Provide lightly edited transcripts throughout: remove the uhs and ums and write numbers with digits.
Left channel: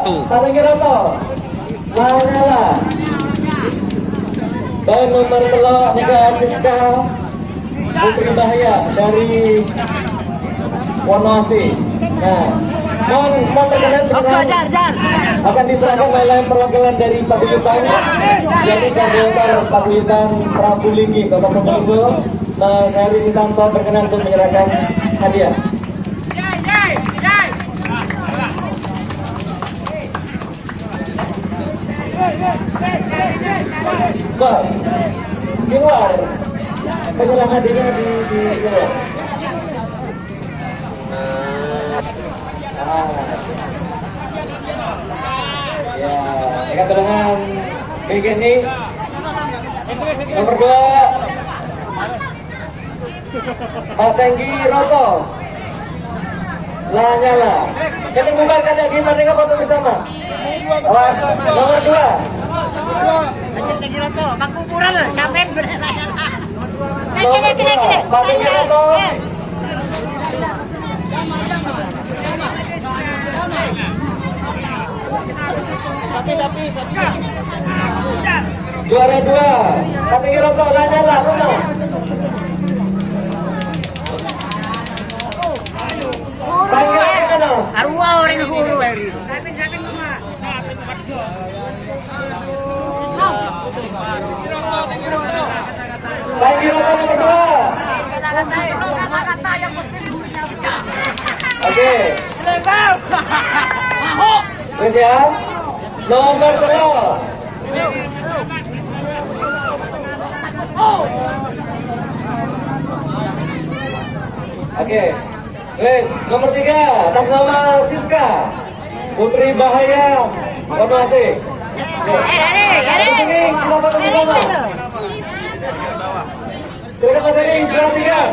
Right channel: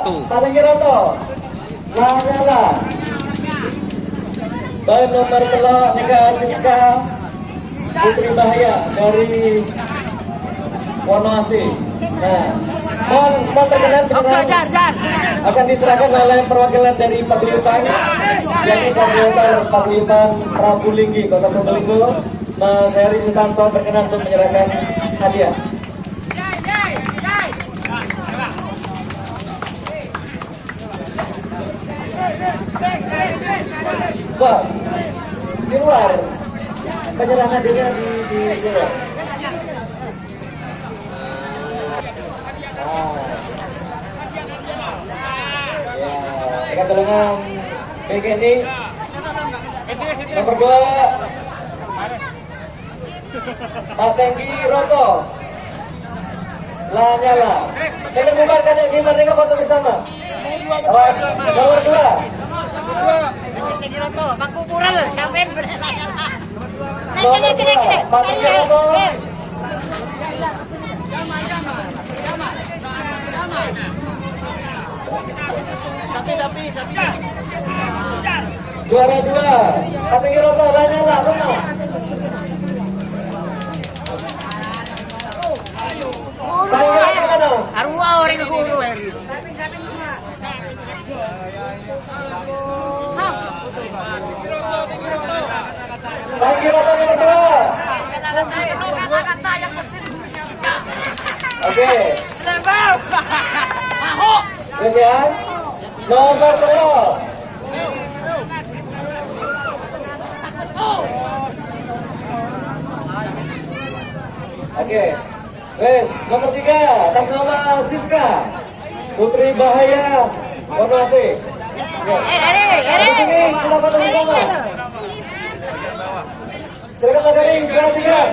Paling Giroto Lanyala. Dan nomor telok Nega Siska Putri Bahaya dari Wonoasi. Nah, mohon berkenan akan diserahkan oleh perwakilan dari Paguyuban, yakni koordinator Paguyuban Prabu Linggi Kota Probolinggo, Mas Heri Sutanto berkenan untuk menyerahkan hadiah. Wah, di luar penyerahan hadiahnya di luar. Keterangan BGNI nomor 2 Pak Tenggi Roto Lanyala. Saya terbubarkan ya gimana mereka foto bersama. Nomor 2 Pak Tenggi Roto. Sapi. Juara 2 Pak Tenggi Roto Lanyala rumah. Panggilan mana? Arwah orang yang guru hari. Tenggi Roto nomor 2. Oke. Terus ya. Nomor 3. Oke. Wes, nomor 3 atas nama Siska Putri Bahaya Wonoasi. Di sini kita foto bersama. Silakan Mas Heri, juara 3.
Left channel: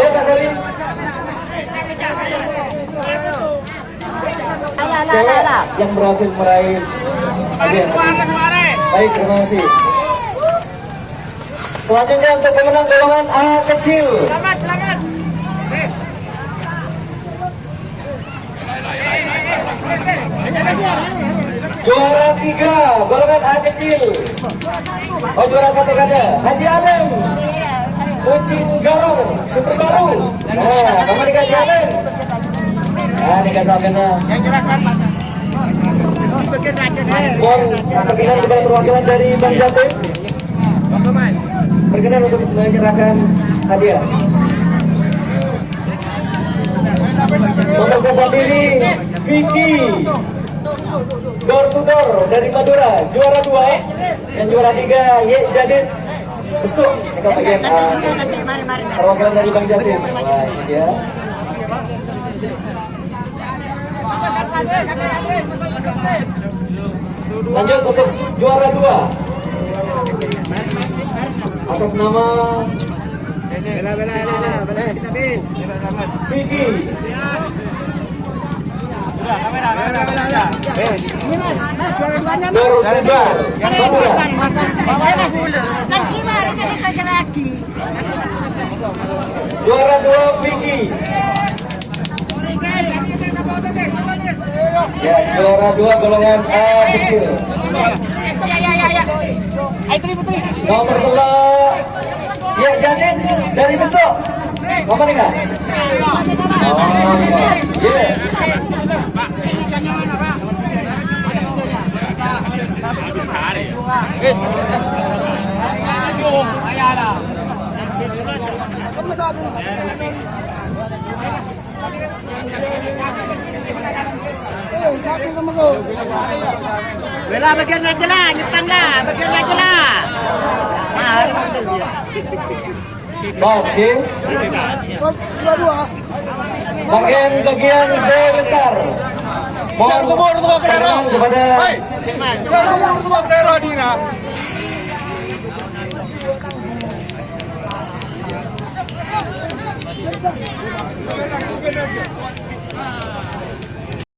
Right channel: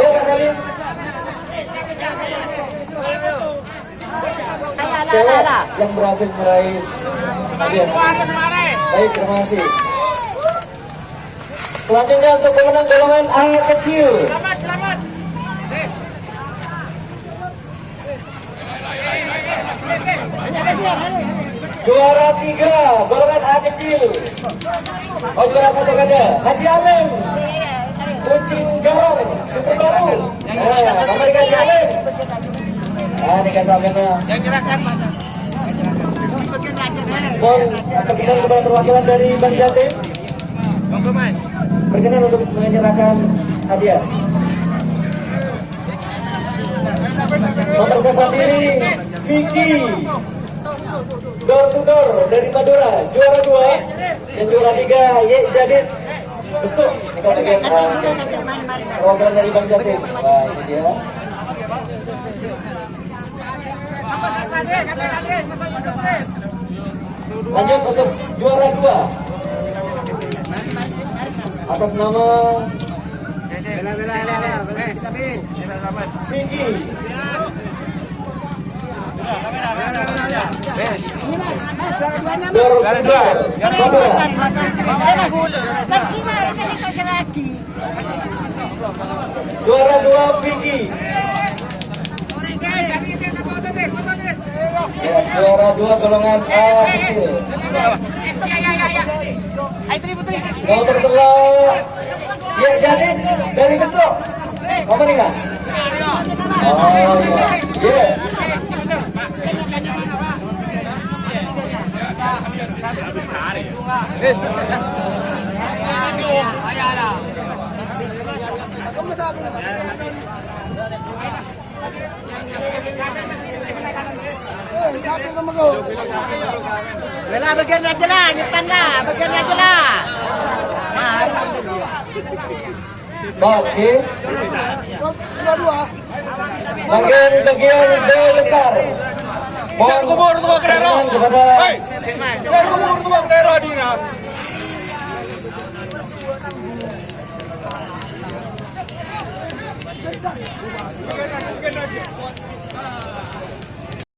Ayo Mas Heri. Cewek yang berhasil meraih hadiah. Baik, terima kasih. Selanjutnya untuk pemenang golongan A kecil. Juara 3 golongan A kecil. Oh, juara 1 ganda Haji Alem Kucing Garong Super Baru. Nah, kamu di Haji Alem. Nah, dikasih kena. Yang nyerahkan mana? Berkenan juga perwakilan dari Bang Jatim. Berkenan untuk menyerahkan hadiah. Mempersiapkan diri Vicky Door to Door dari Madura, juara 2 dan juara 3 Ye Jadid Besuk. Ini bagian perwakilan dari Bang Jatim. Wah, ini dia. Lanjut untuk juara 2 atas nama Vicky. Juara 2 Vicky. Ya, juara 2 golongan A kecil. Nomor telok ya Jadid dari Besok. Apa nih kak? Oh iya, iya. Bela bagian aja lah, nyetang lah, bagian aja lah. Oke. Bagian B besar. Mohon kepada